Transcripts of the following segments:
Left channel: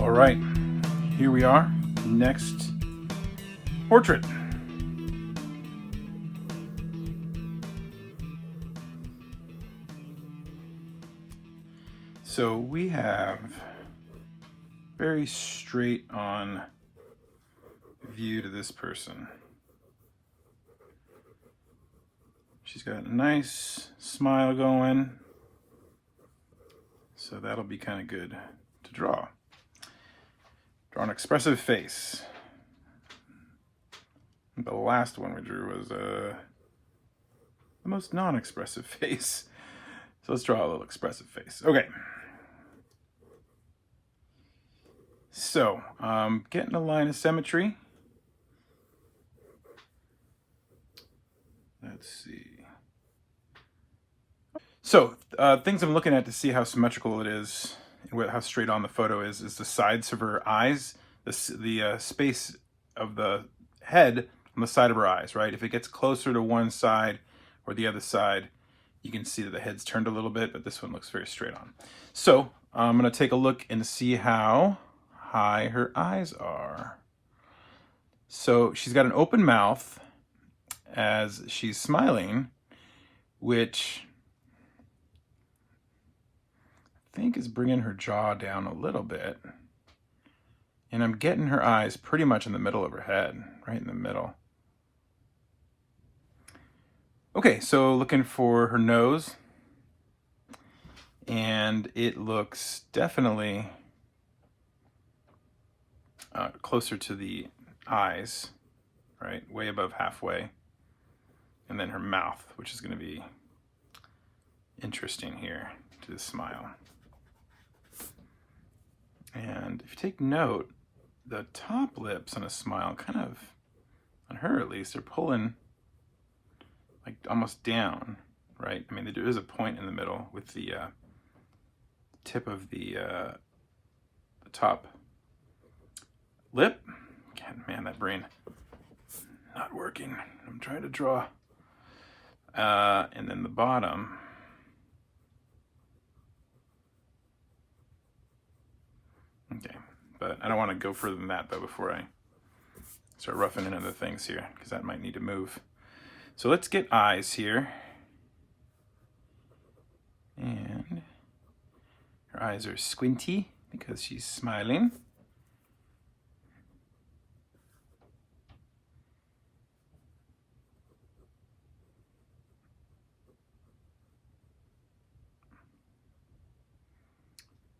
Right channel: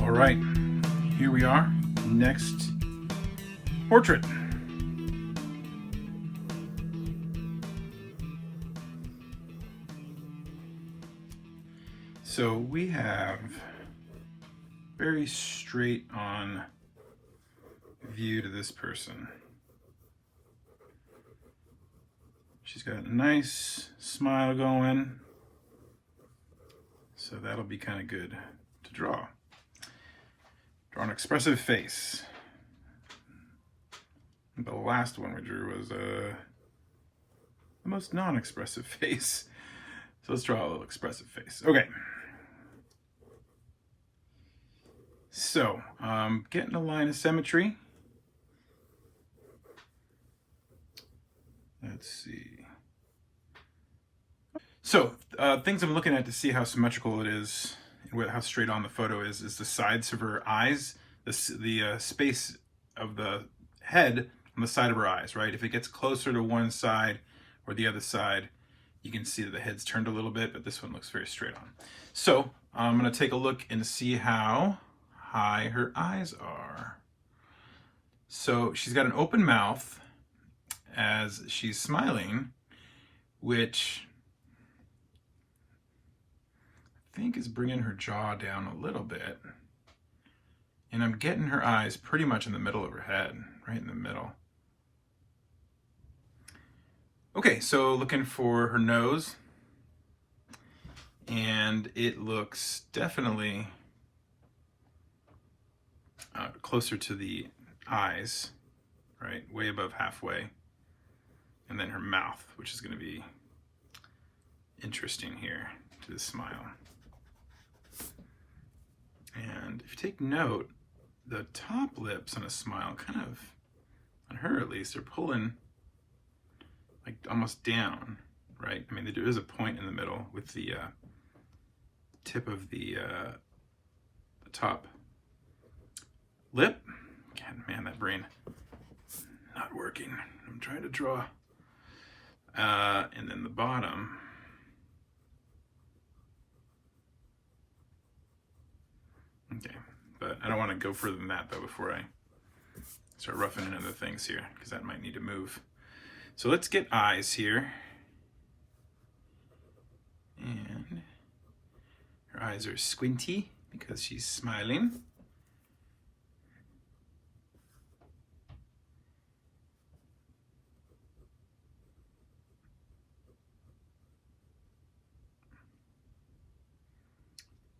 All right, here we are. Next portrait. So we have very straight on view to this person. She's got a nice smile going, so that'll be kind of good to draw. Draw an expressive face. The last one we drew was the most non-expressive face. So let's draw a little expressive face. Okay. So, getting a line of symmetry. Let's see. So, things I'm looking at to see how symmetrical it is, and how straight on the photo is the sides of her eyes, the space of the head on the side of her eyes, right? If it gets closer to one side or the other side, you can see that the head's turned a little bit, but this one looks very straight on. So, I'm going to take a look and see how high her eyes are. So, she's got an open mouth as she's smiling, which I think is bringing her jaw down a little bit. And I'm getting her eyes pretty much in the middle of her head, right in the middle. Okay, so looking for her nose. And it looks definitely closer to the eyes, right? Way above halfway. And then her mouth, which is going to be interesting here to the smile. And if you take note, the top lips on a smile kind of, on her at least, are pulling like almost down, right? I mean, there is a point in the middle with the tip of the top lip. God, man, that brain not working. I'm trying to draw. And then the bottom. Okay, but I don't want to go further than that though before I start roughing in other things here, because that might need to move. So let's get eyes here. And her eyes are squinty because she's smiling.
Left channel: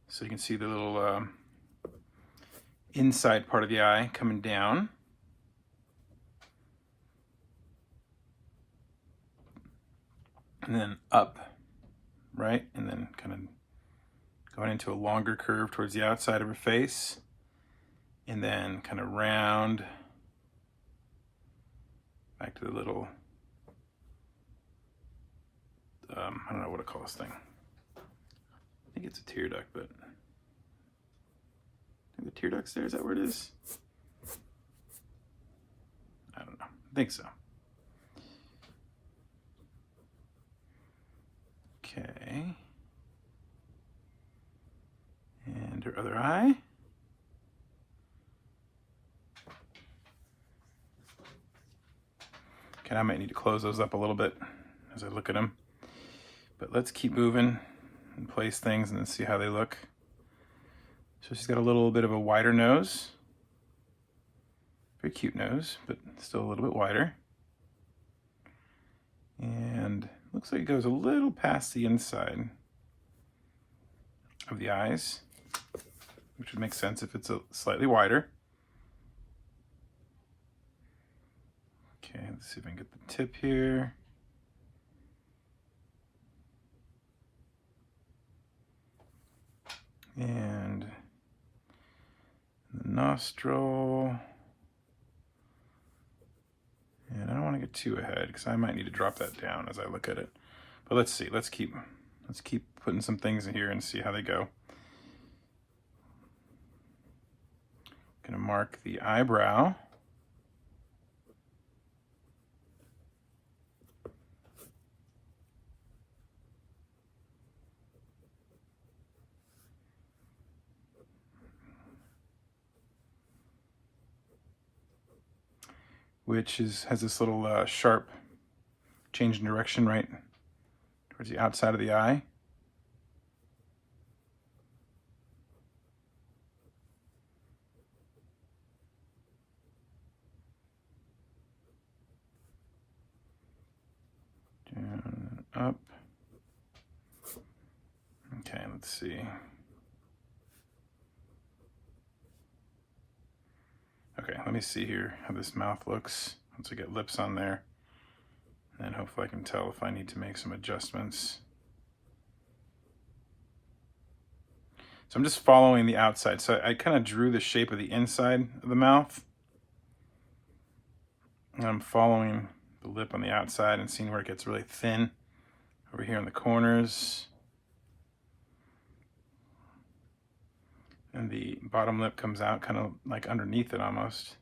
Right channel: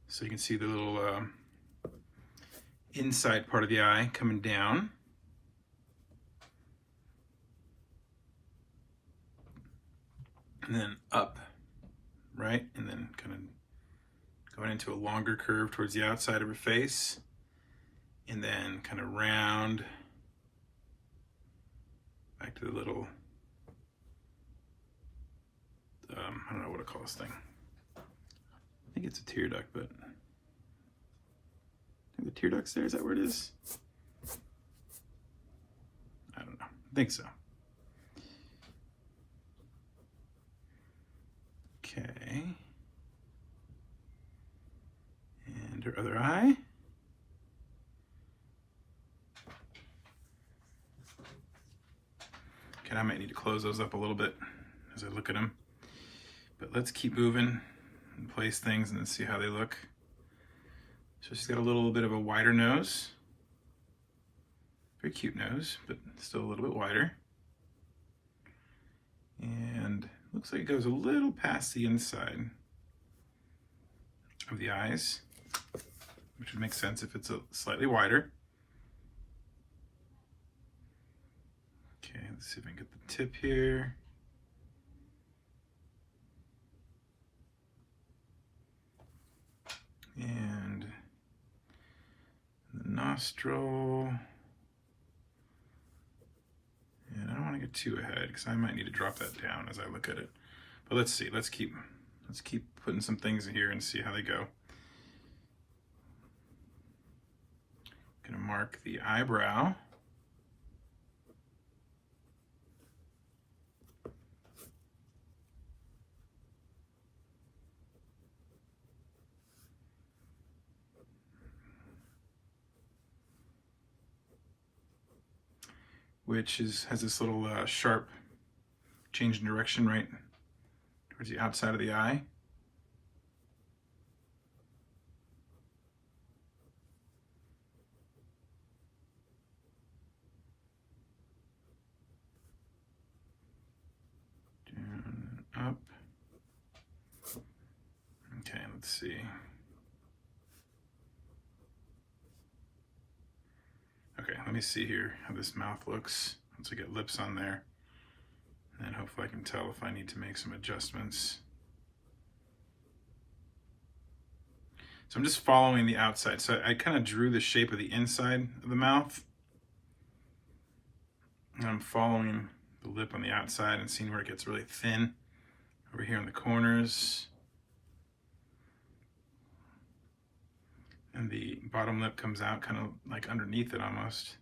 So you can see the little inside part of the eye coming down. And then up, right? And then kind of going into a longer curve towards the outside of her face. And then kind of round back to the little, I don't know what to call this thing. I think it's a tear duct, but the tear duct's there, is that where it is? I don't know, I think so. Okay. And her other eye. Okay, I might need to close those up a little bit as I look at them. But let's keep moving and place things and then see how they look. So she's got a little bit of a wider nose. Very cute nose, but still a little bit wider. And looks like it goes a little past the inside of the eyes, which would make sense if it's a slightly wider. Okay, let's see if I can get the tip here. And the nostril. And I don't want to get too ahead because I might need to drop that down as I look at it. But let's see, let's keep putting some things in here and see how they go. Gonna mark the eyebrow. which has this little sharp change in direction right towards the outside of the eye. Down, up. Okay, let's see. Okay, let me see here how this mouth looks once I get lips on there. And hopefully I can tell if I need to make some adjustments. So I'm just following the outside. So I kind of drew the shape of the inside of the mouth. And I'm following the lip on the outside and seeing where it gets really thin over here in the corners. And the bottom lip comes out kind of like underneath it almost.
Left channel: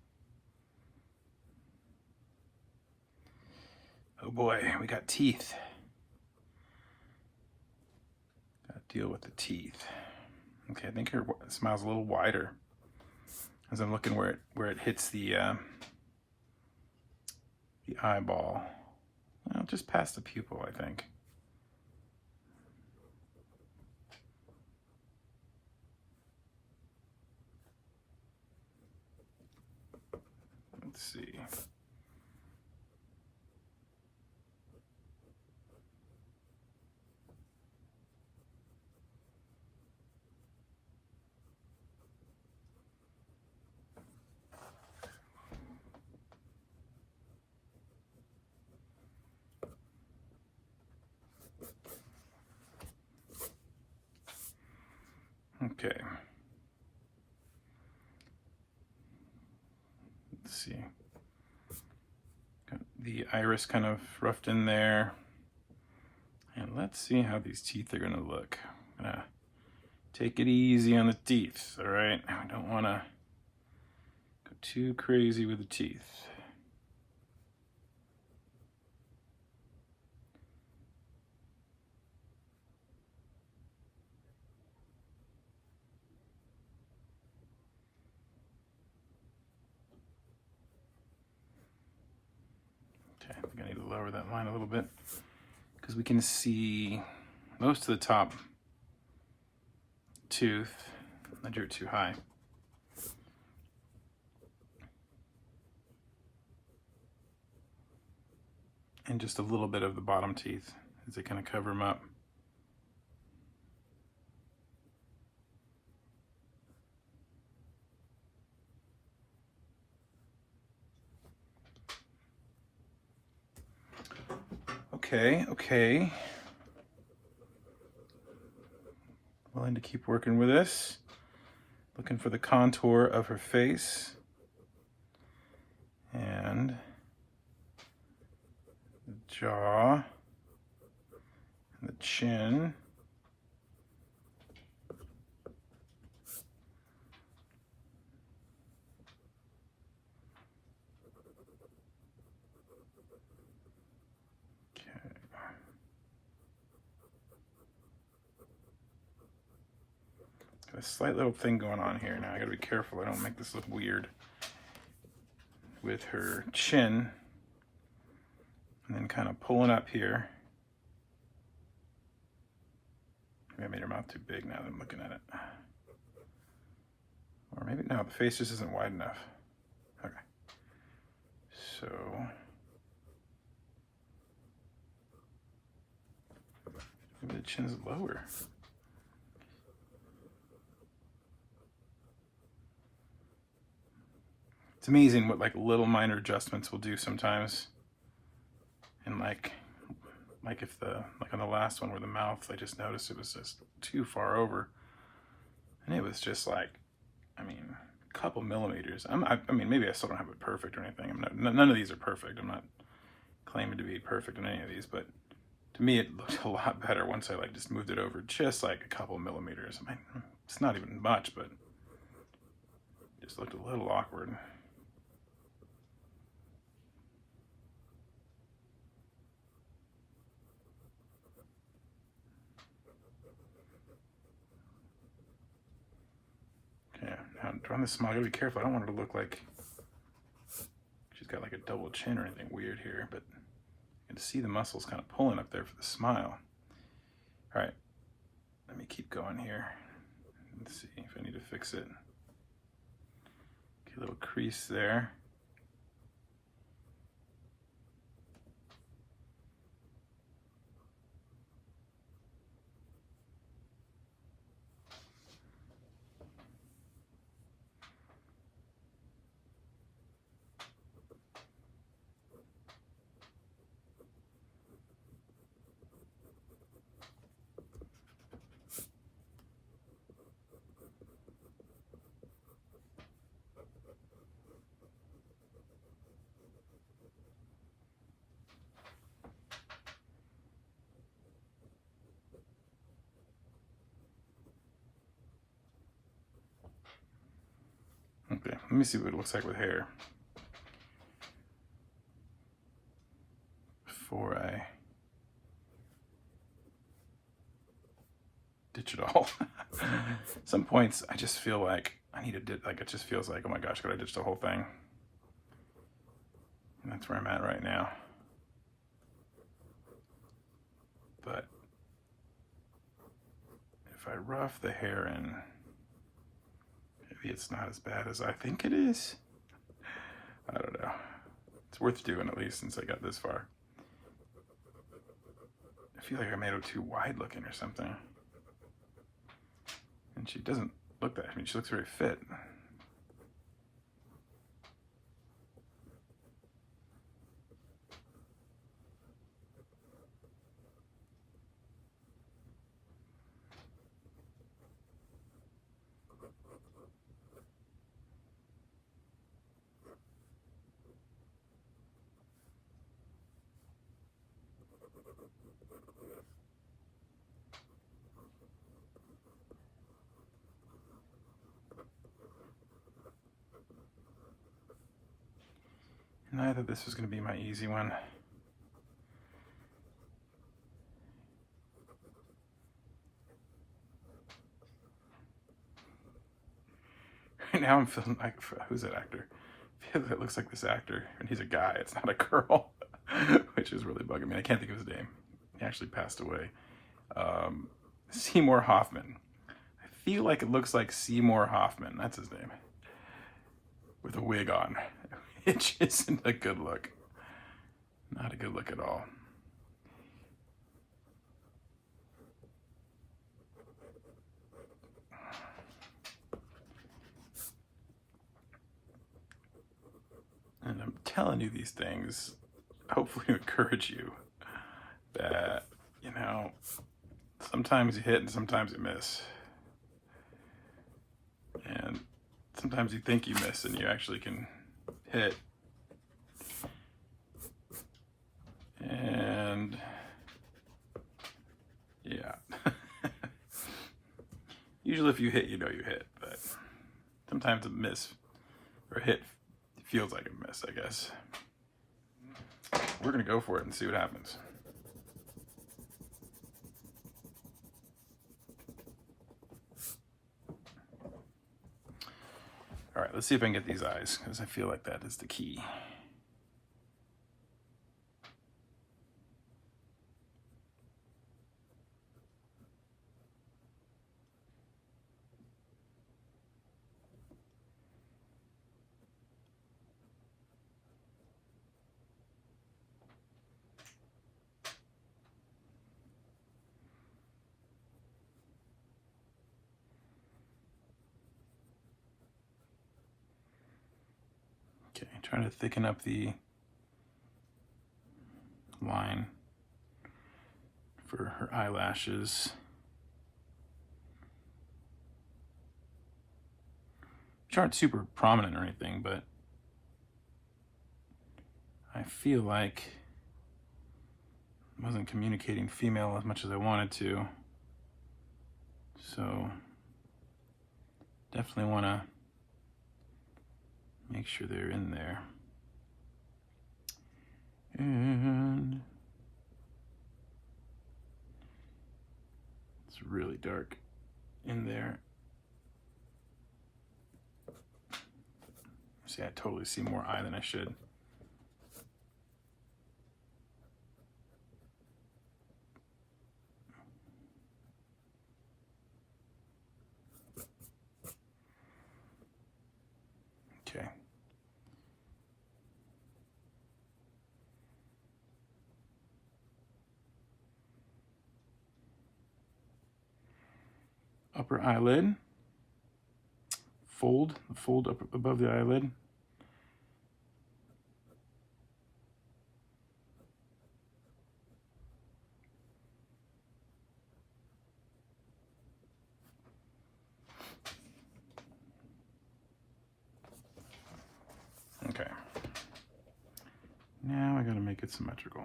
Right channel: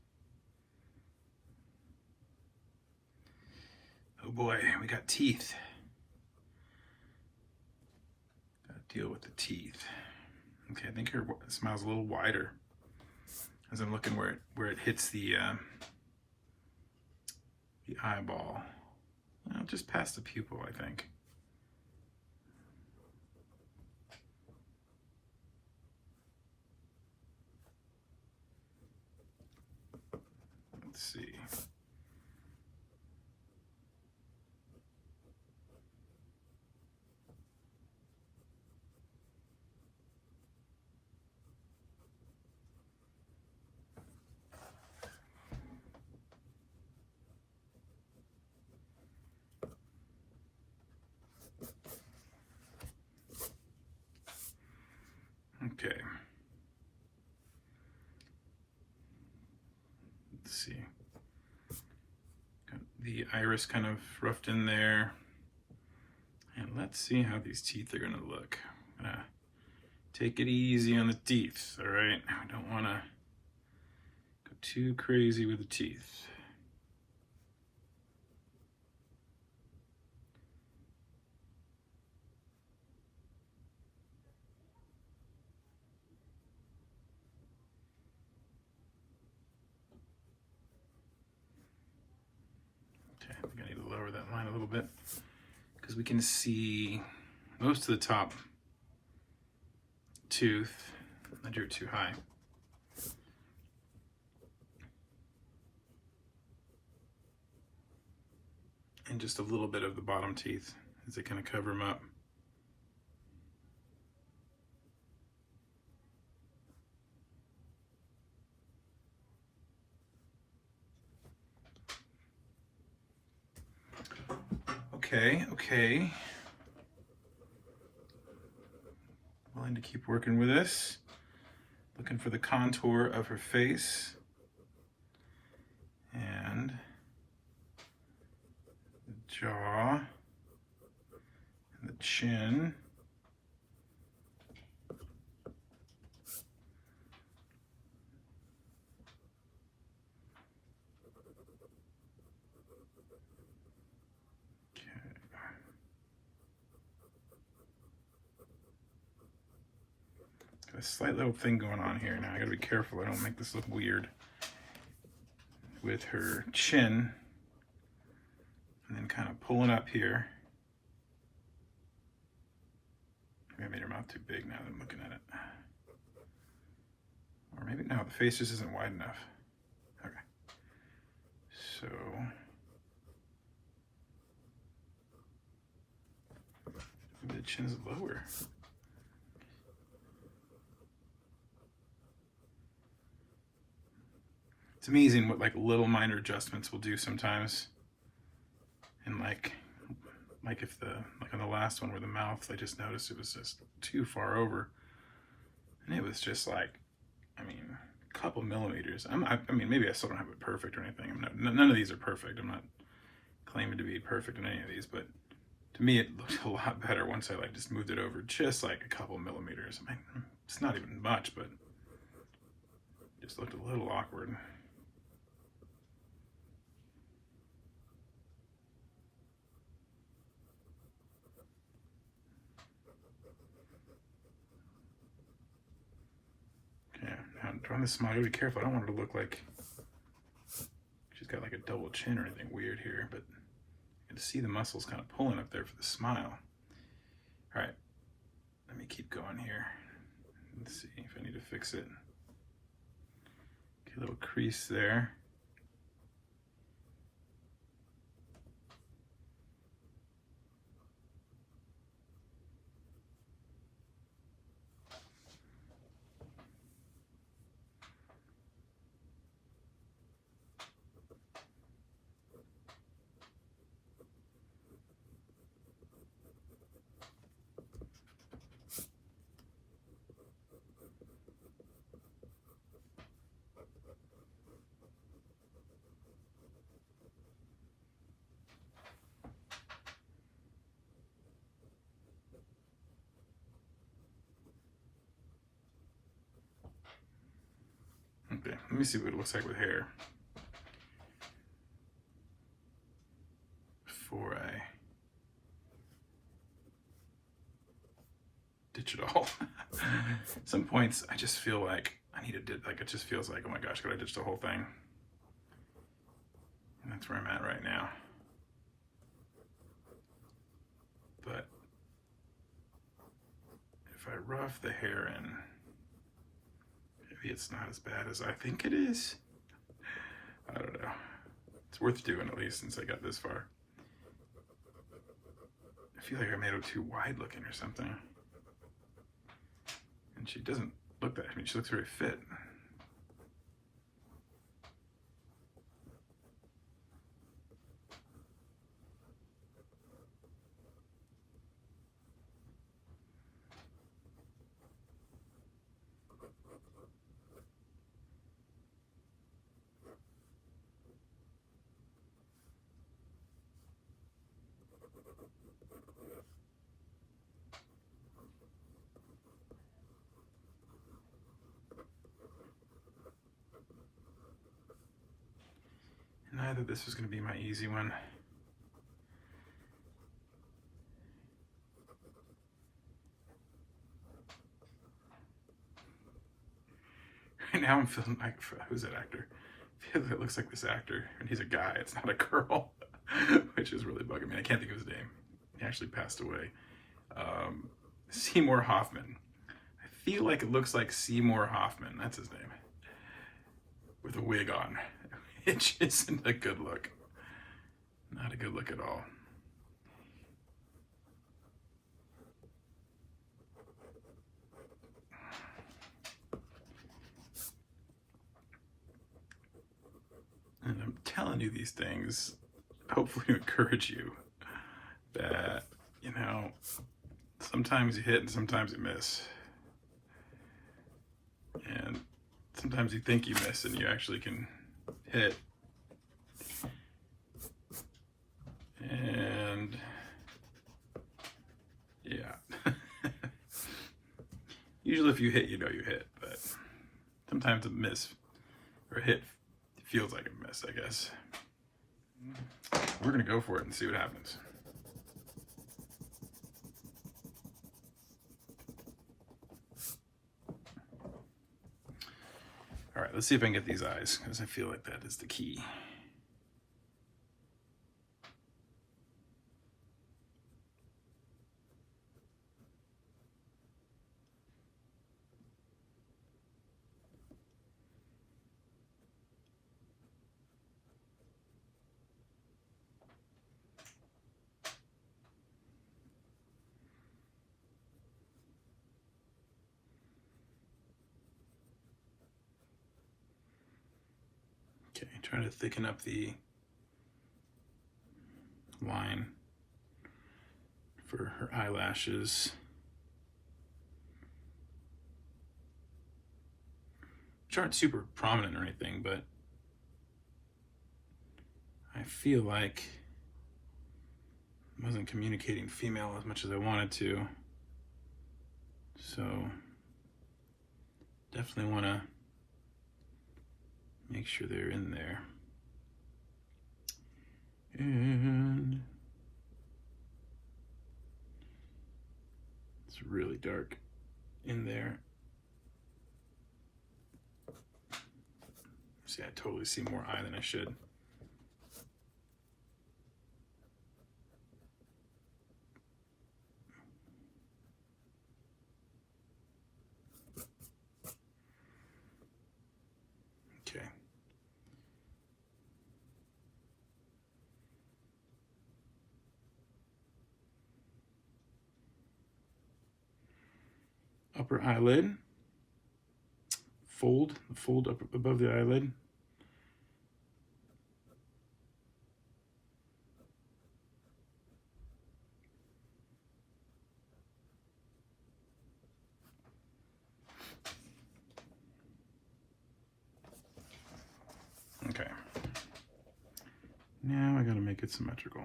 Oh boy, we got teeth. Gotta deal with the teeth. Okay, I think her smile's a little wider as I'm looking where it hits the eyeball. Well, just past the pupil, I think. Let's see. Okay. Let's see. Got the iris kind of roughed in there. And let's see how these teeth are gonna look. I'm gonna take it easy on the teeth, all right? I don't wanna go too crazy with the teeth. Okay, I'm gonna need to lower that line a little bit because we can see most of the top tooth. I drew it too high. And just a little bit of the bottom teeth as they kind of cover them up. Okay. Willing to keep working with this. Looking for the contour of her face. And the jaw. And the chin. Got a slight little thing going on here now. I gotta be careful I don't make this look weird with her chin. And then kind of pulling up here. Maybe I made her mouth too big now that I'm looking at it. Or maybe no, the face just isn't wide enough. Okay. So maybe the chin's lower. It's amazing what like little minor adjustments will do sometimes. And like if like on the last one where the mouth, I just noticed it was just too far over. And it was just like, I mean, a couple millimeters. I mean, maybe I still don't have it perfect or anything. None of these are perfect. I'm not claiming to be perfect in any of these, but to me it looked a lot better once I like just moved it over just like a couple millimeters. I mean, it's not even much, but it just looked a little awkward. Okay, now drawing this smile, I gotta be careful. I don't want it to look like she's got like a double chin or anything weird here, but you can see the muscles kind of pulling up there for the smile. All right, let me keep going here. Let's see if I need to fix it. Okay, a little crease there. Okay, let me see what it looks like with hair before I ditch it all. Some points I just feel like I need to like it just feels like, oh my gosh, could I ditch the whole thing? And that's where I'm at right now. But if I rough the hair in, maybe it's not as bad as I think it is. I don't know. It's worth doing at least since I got this far. I feel like I made it too wide looking or something. And she doesn't look that, I mean, she looks very fit. And I thought this was going to be my easy one. Right now I'm feeling like, who's that actor? I feel like it looks like this actor, and he's a guy, it's not a girl, which is really bugging me. I can't think of his name. He actually passed away. Seymour Hoffman. I feel like it looks like Seymour Hoffman, that's his name, with a wig on, which isn't a good look. Not a good look at all. And I'm telling you these things, hopefully to encourage you that, you know, sometimes you hit and sometimes you miss. And sometimes you think you miss and you actually can hit. And yeah. Usually if you hit, you know you hit, but sometimes a miss or hit feels like a miss, I guess. We're gonna go for it and see what happens. All right, let's see if I can get these eyes, because I feel like that is the key. Okay, trying to thicken up the line for her eyelashes. Which aren't super prominent or anything, but I feel like I wasn't communicating female as much as I wanted to. So definitely want to make sure they're in there. And it's really dark in there. See, I totally see more eye than I should. upper eyelid. Fold up above the eyelid. Okay. Now I gotta make it symmetrical.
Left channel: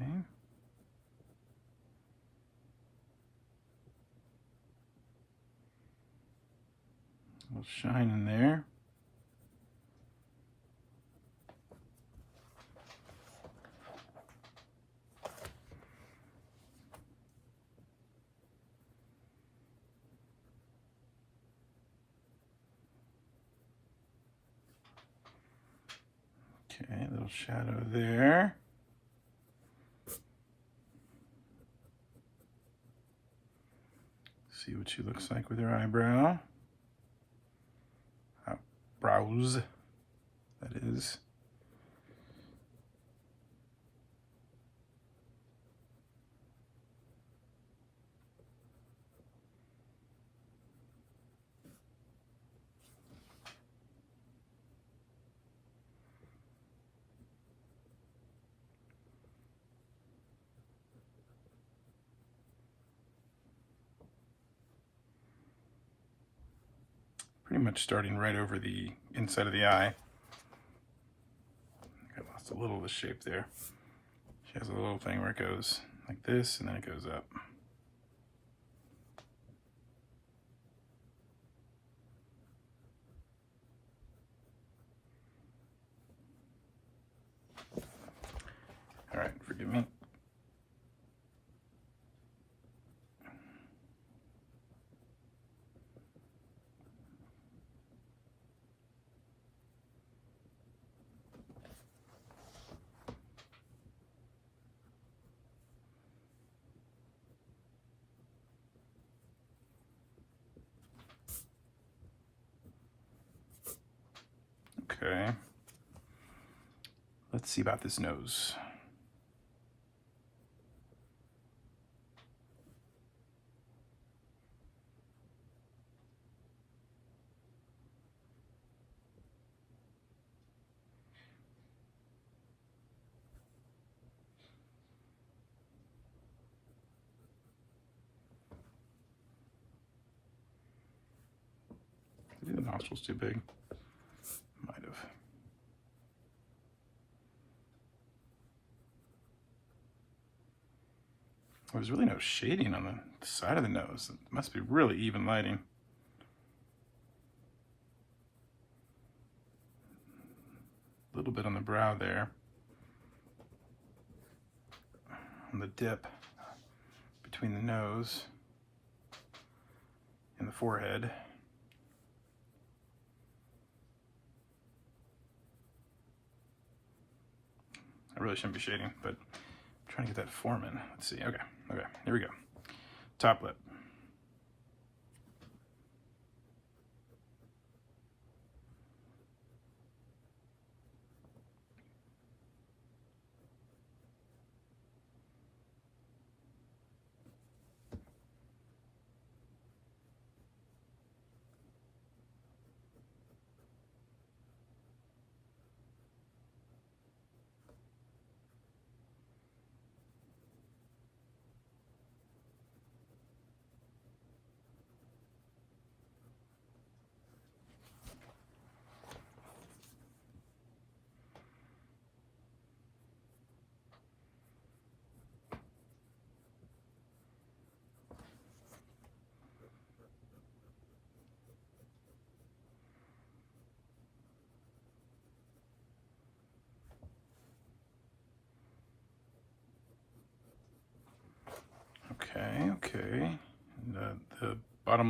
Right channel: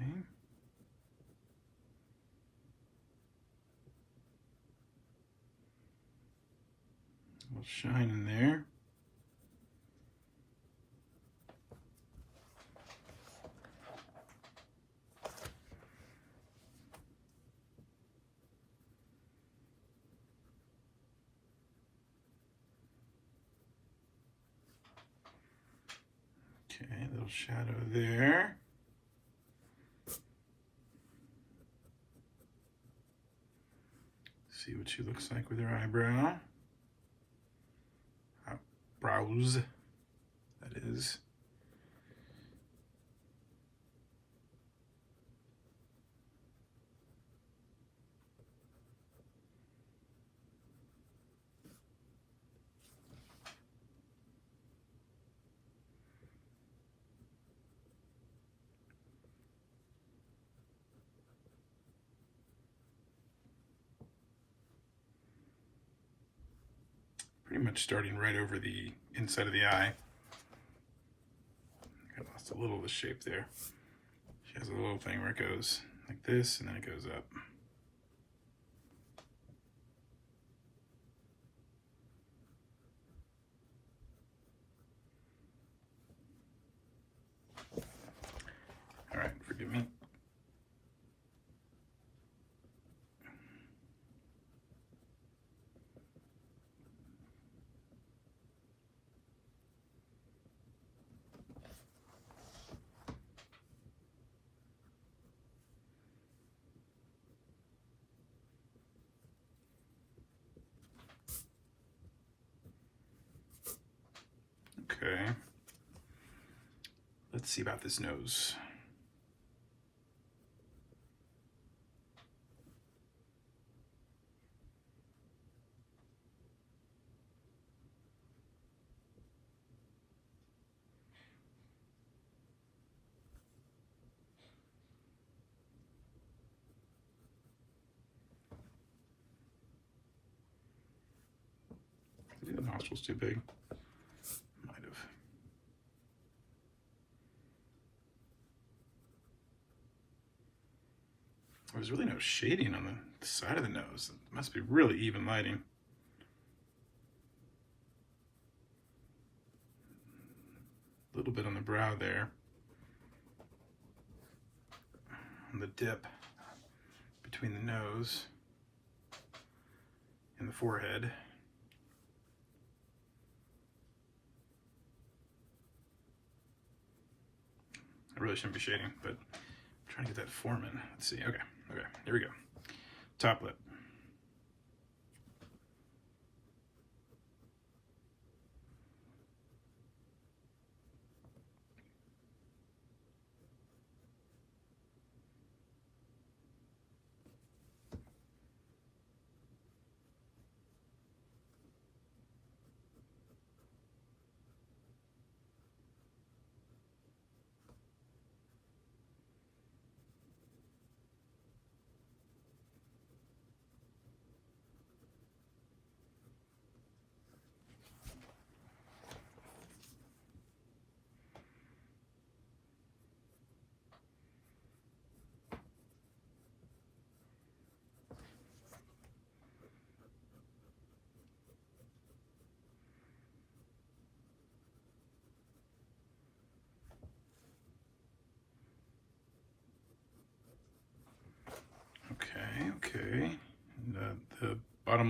Okay. A little shine in there. Okay, a little shadow there. See what she looks like with her eyebrow. Brows, that is. Pretty much starting right over the inside of the eye. I lost a little of the shape there. She has a little thing where it goes like this and then it goes up. All right, forgive me. Okay. Let's see about this nose. Maybe the nostril's too big. Might have. There's really no shading on the side of the nose. It must be really even lighting. A little bit on the brow there. On the dip between the nose and the forehead. I really shouldn't be shading, but I'm trying to get that form in. Let's see. Okay, here we go. Top lip.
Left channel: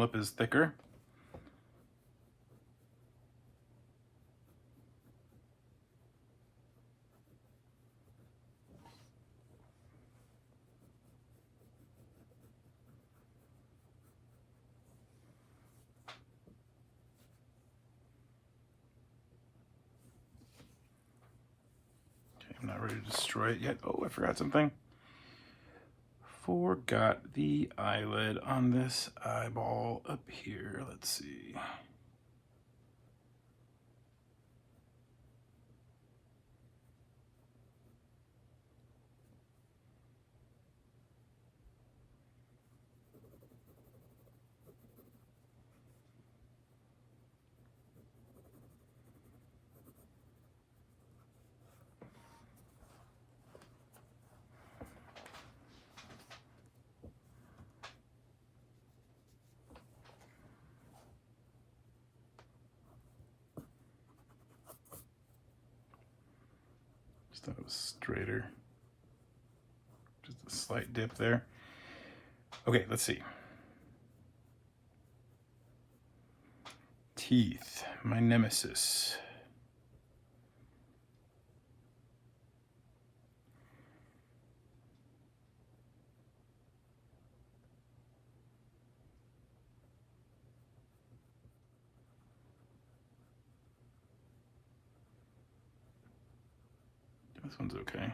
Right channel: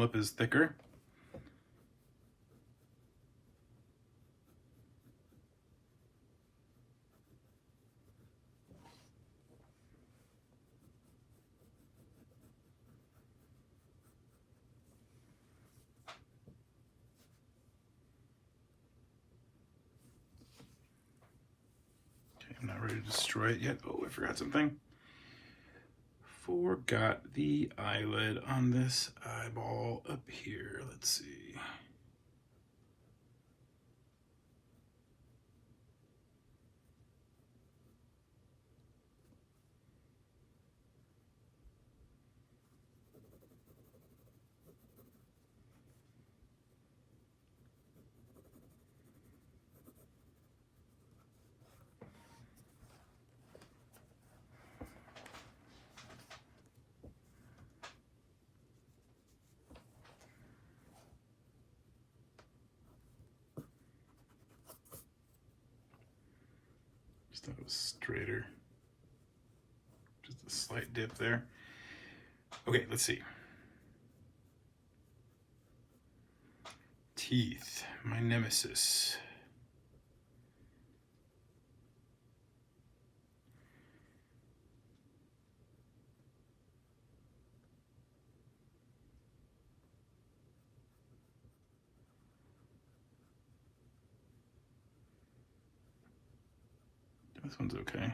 lip is thicker. I'm not ready to destroy it yet. Oh, I forgot something. Forgot the eyelid on this eyeball up here. Let's see. Just thought it was straighter. Just a slight dip there. Okay, let's see. Teeth, my nemesis. This one's okay.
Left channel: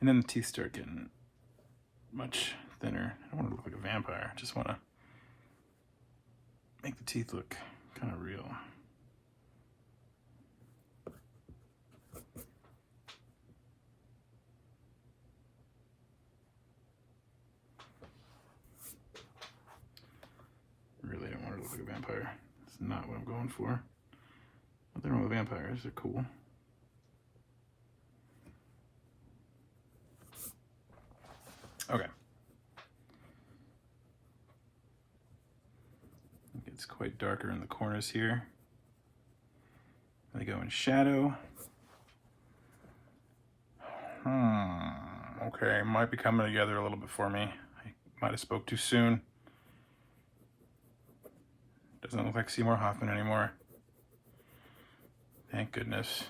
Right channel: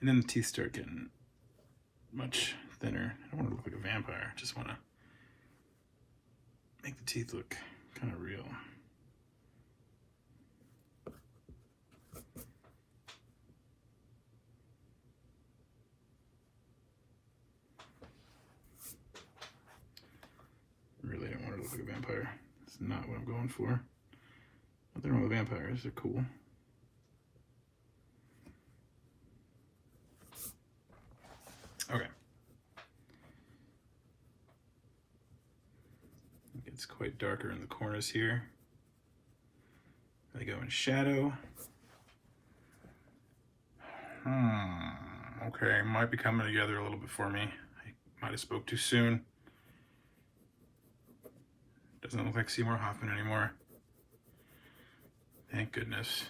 And then the teeth start getting much thinner. I don't want to look like a vampire. I just want to make the teeth look kind of real. Really don't want to look like a vampire. That's not what I'm going for. Nothing wrong with vampires. They're cool. Okay. It's quite darker in the corners here. They go in shadow. Okay, might be coming together a little bit for me. I might have spoke too soon. Doesn't look like Seymour Hoffman anymore. Thank goodness.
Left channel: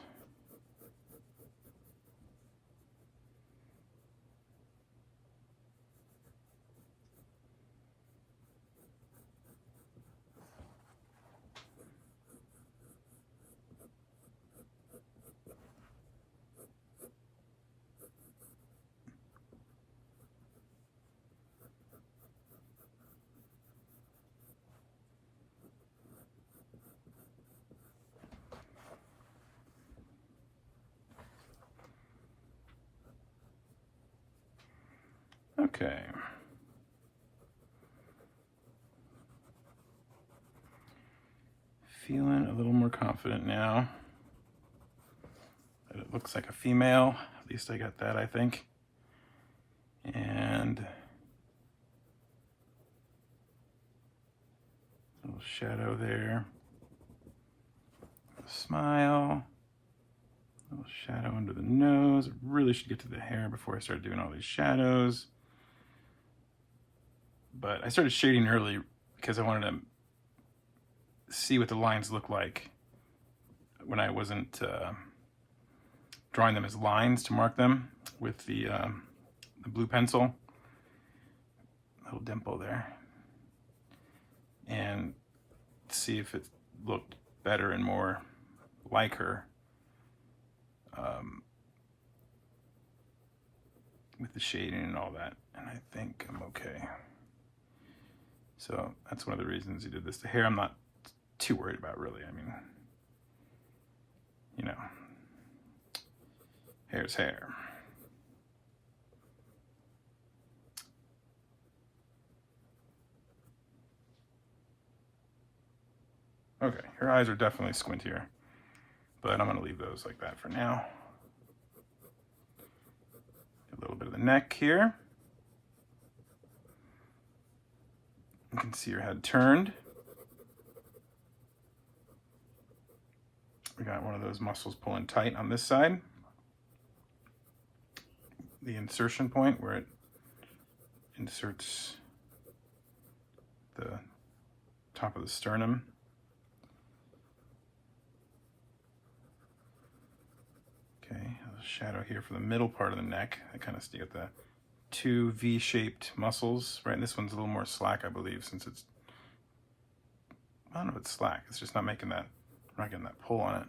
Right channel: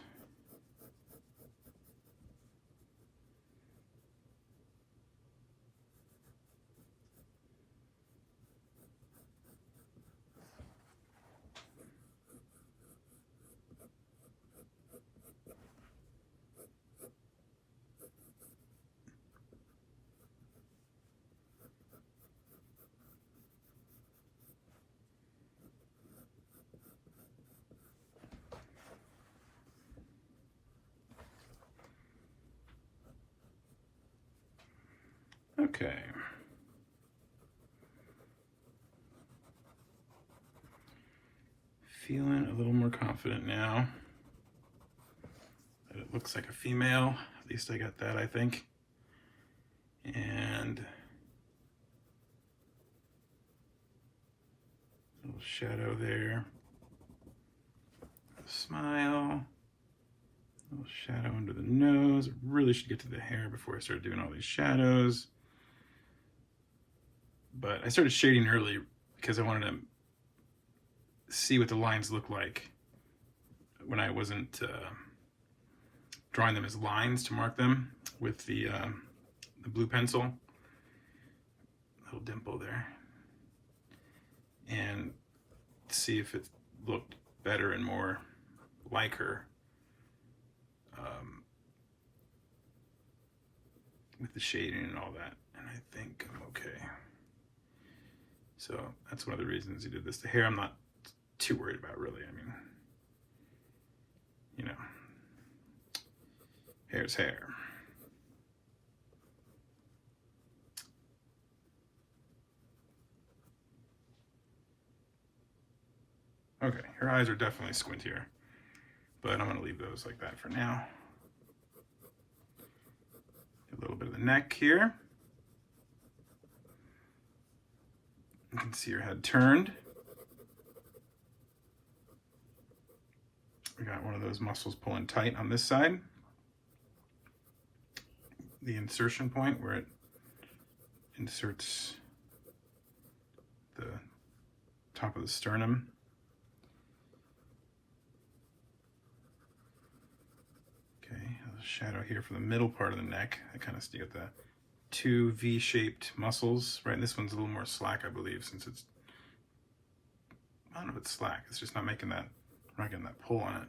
Okay. Feeling a little more confident now that it looks like a female. At least I got that, I think. And a little shadow there. Smile. A little shadow under the nose. I really should get to the hair before I start doing all these shadows. But I started shading early because I wanted to see what the lines look like when I wasn't drawing them as lines to mark them with the blue pencil. Little dimple there. And see if it looked better and more like her with the shading and all that. And I think I'm okay. So that's one of the reasons he did this. The hair I'm not too worried about, really. I mean, you know, hair's hair. Okay, her eyes are definitely squintier, but I'm gonna leave those like that for now. A little bit of the neck here. You can see her head turned. We got one of those muscles pulling tight on this side. the insertion point where it inserts the top of the sternum. Okay, a shadow here for the middle part of the neck. I kind of get the two V-shaped muscles, right? And this one's a little more slack, I believe, since it's, I don't know if it's slack, it's just not making that, not getting that pull on it.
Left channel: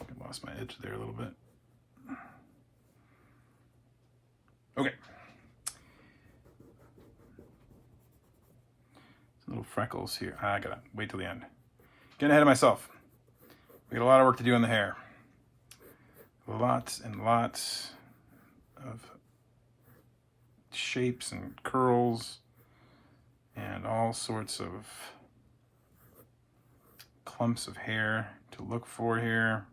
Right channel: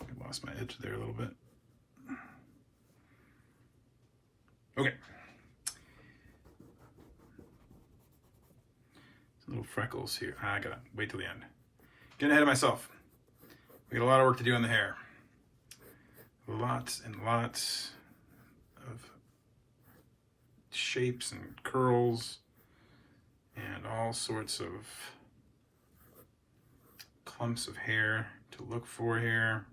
I lost my edge there a little bit. Okay. Some little freckles here. I gotta wait till the end. Getting ahead of myself. We got a lot of work to do on the hair. Lots and lots of shapes and curls and all sorts of clumps of hair to look for here.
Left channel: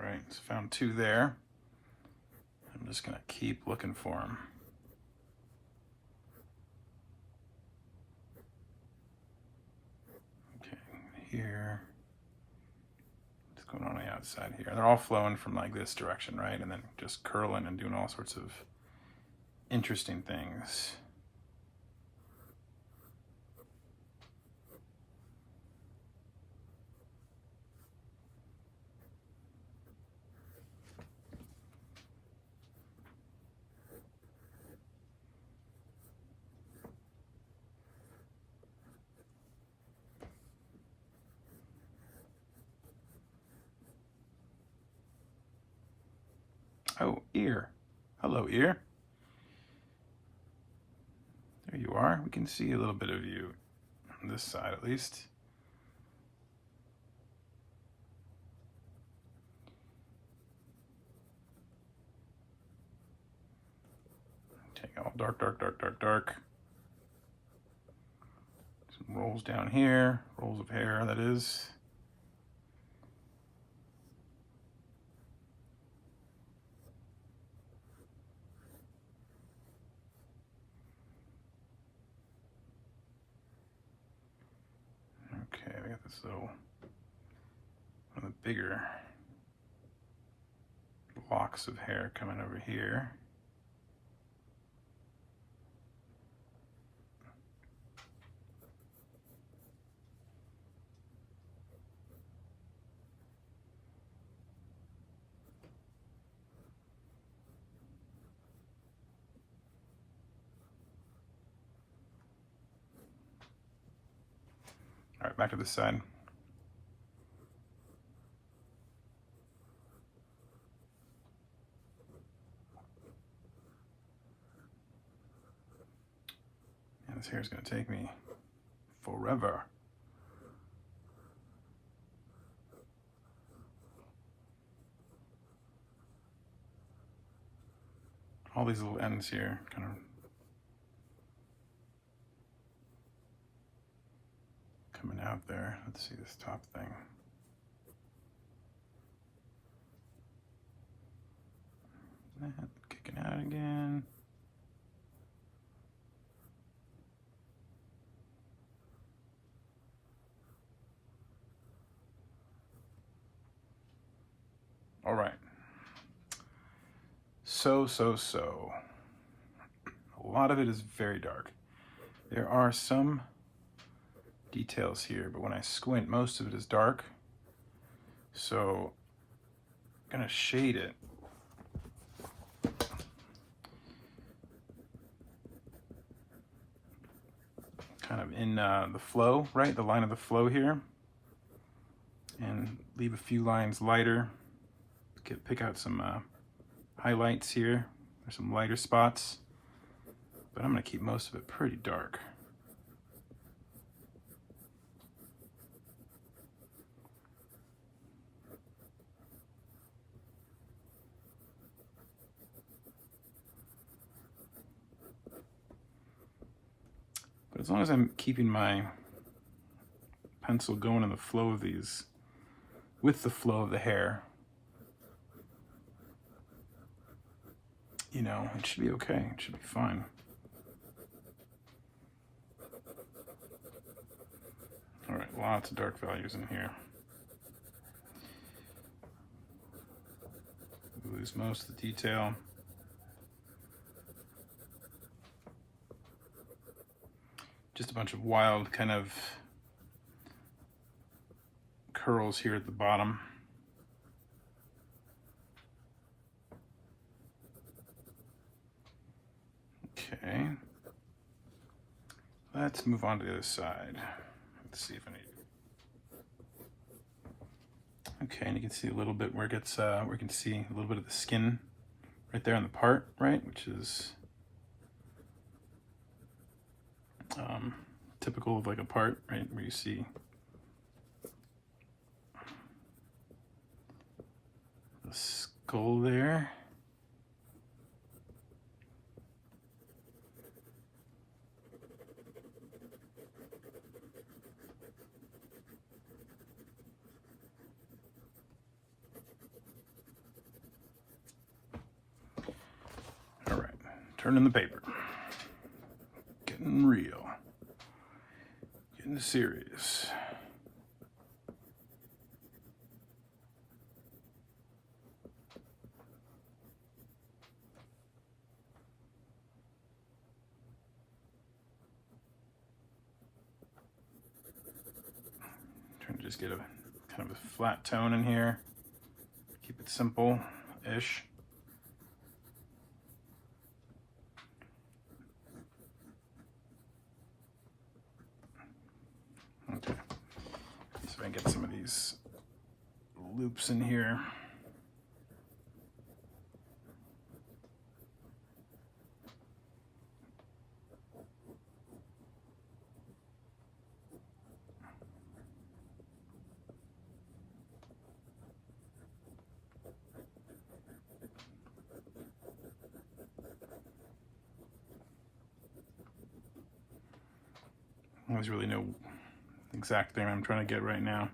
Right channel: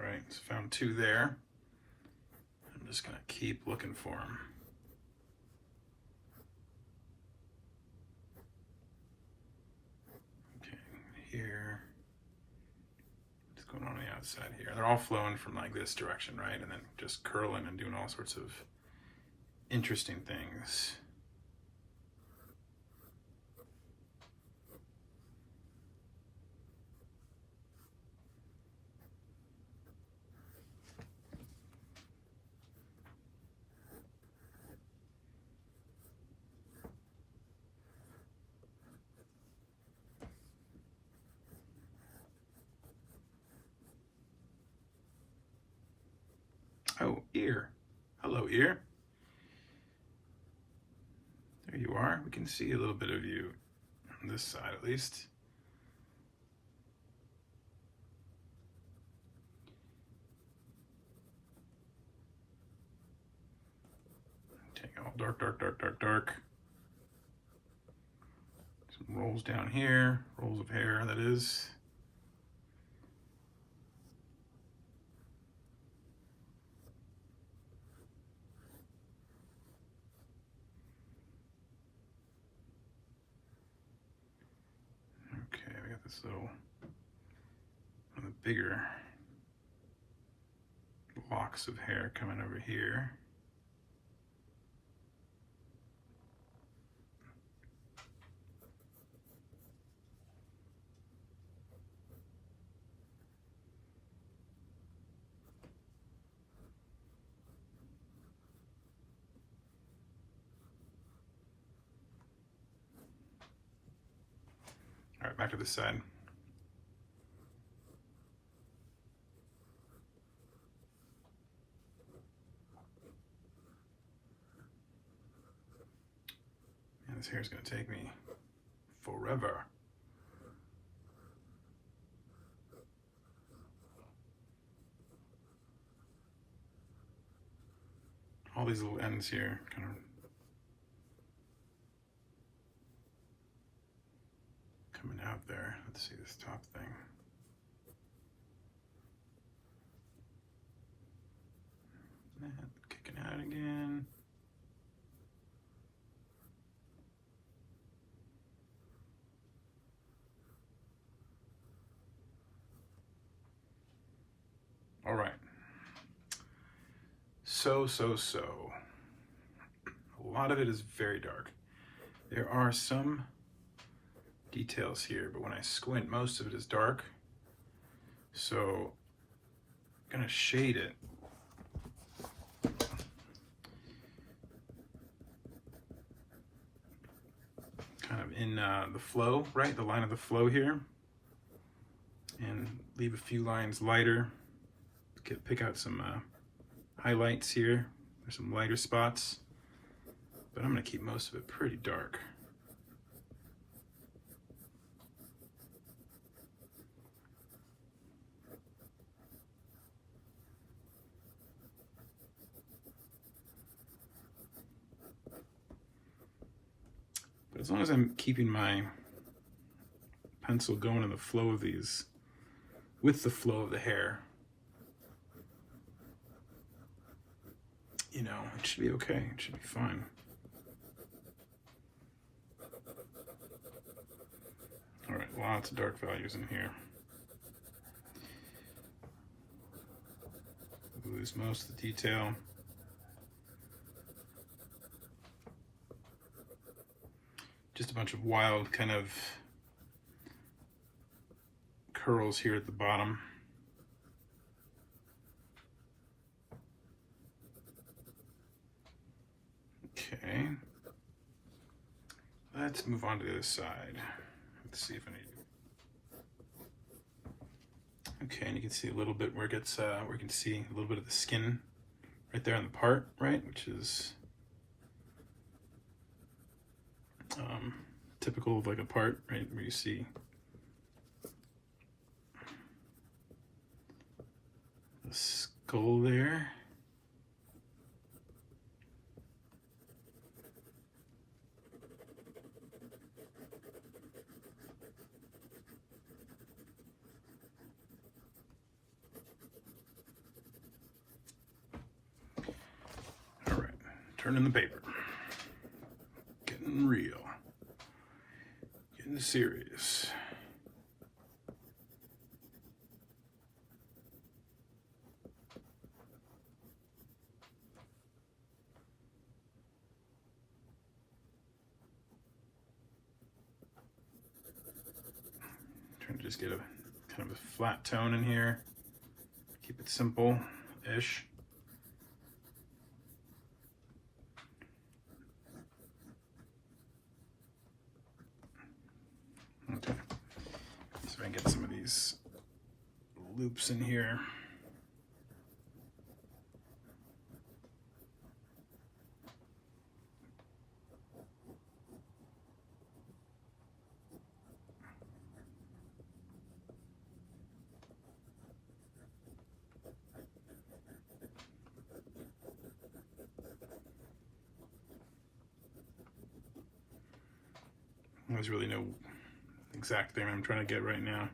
All right, so found two there. I'm just gonna keep looking for them. Okay, here. What's going on the outside here? They're all flowing from like this direction, right? And then just curling and doing all sorts of interesting things. Oh, ear. Hello, ear. There you are. We can see a little bit of you on this side at least. Take all dark, dark, dark, dark, dark. Some rolls down here, rolls of hair, that is. Okay, we got this little bigger locks of hair coming over here. All right, back to this side. And this hair is going to take me forever. All these little ends here kind of coming out there. Let's see this top thing. Kicking out again. All right. So. A lot of it is very dark. There are some details here, but when I squint, most of it is dark. So I'm gonna shade it. Kind of in the flow, right? The line of the flow here. And leave a few lines lighter. Pick out some highlights here There's some lighter spots, but I'm gonna keep most of it pretty dark. But as long as I'm keeping my pencil going in the flow of these, with the flow of the hair, you know, it should be okay. It should be fine. All right, lots of dark values in here. Lose most of the detail. Just a bunch of wild kind of curls here at the bottom. Okay, let's move on to the other side. Let's see if I need. Okay, and you can see a little bit where it gets, we can see a little bit of the skin right there on the part, right, which is typical of like a part, right, where you see the skull there. All right, turning the paper. Getting real. Getting serious. Trying to just get a kind of a flat tone in here. Keep it simple-ish. Okay, so I can get some of these loops in here. There's really no exact thing I'm trying to get right now.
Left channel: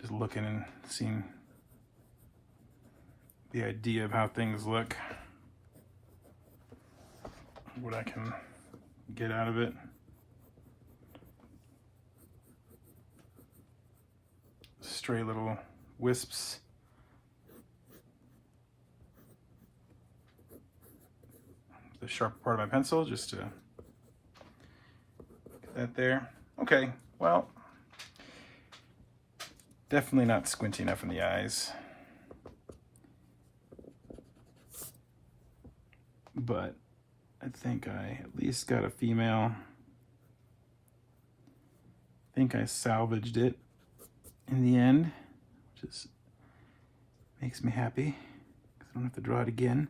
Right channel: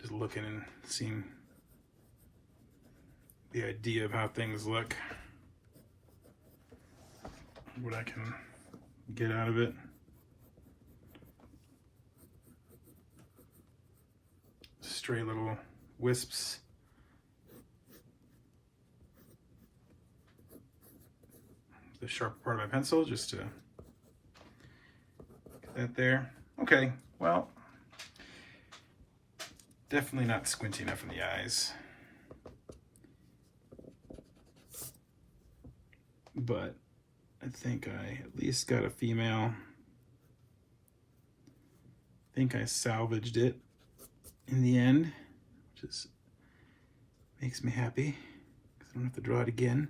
Just looking and seeing the idea of how things look, what I can get out of it. Stray little wisps. The sharp part of my pencil, just to get that there. Okay, well, definitely not squinty enough in the eyes. But I think I at least got a female. I think I salvaged it in the end, which is, makes me happy because I don't have to draw it again.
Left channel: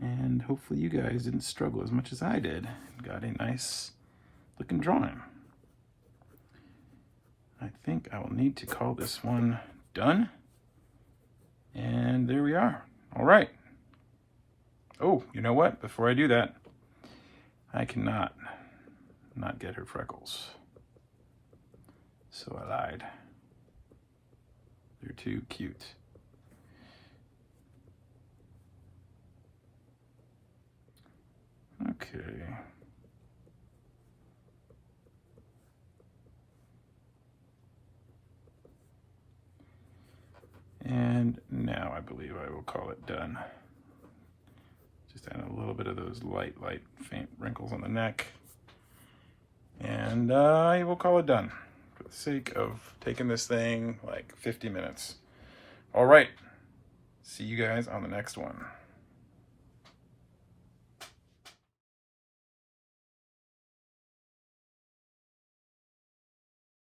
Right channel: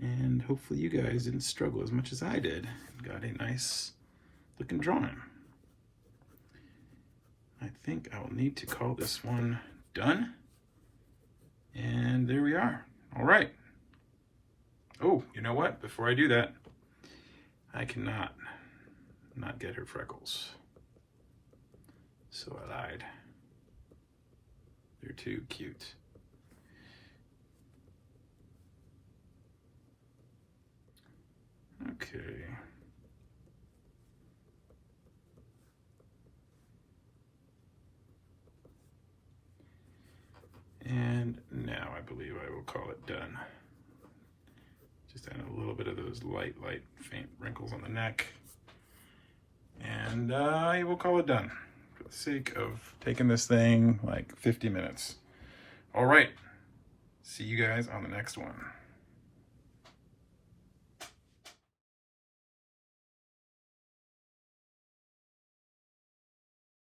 And hopefully you guys didn't struggle as much as I did. Got a nice looking drawing. I think I will need to call this one done. And there we are. All right. Oh, you know what? Before I do that, I cannot not get her freckles. So I lied. They're too cute. Okay. And now I believe I will call it done. Just add a little bit of those light, faint wrinkles on the neck. And I will call it done for the sake of taking this thing like 50 minutes. All right. See you guys on the next one.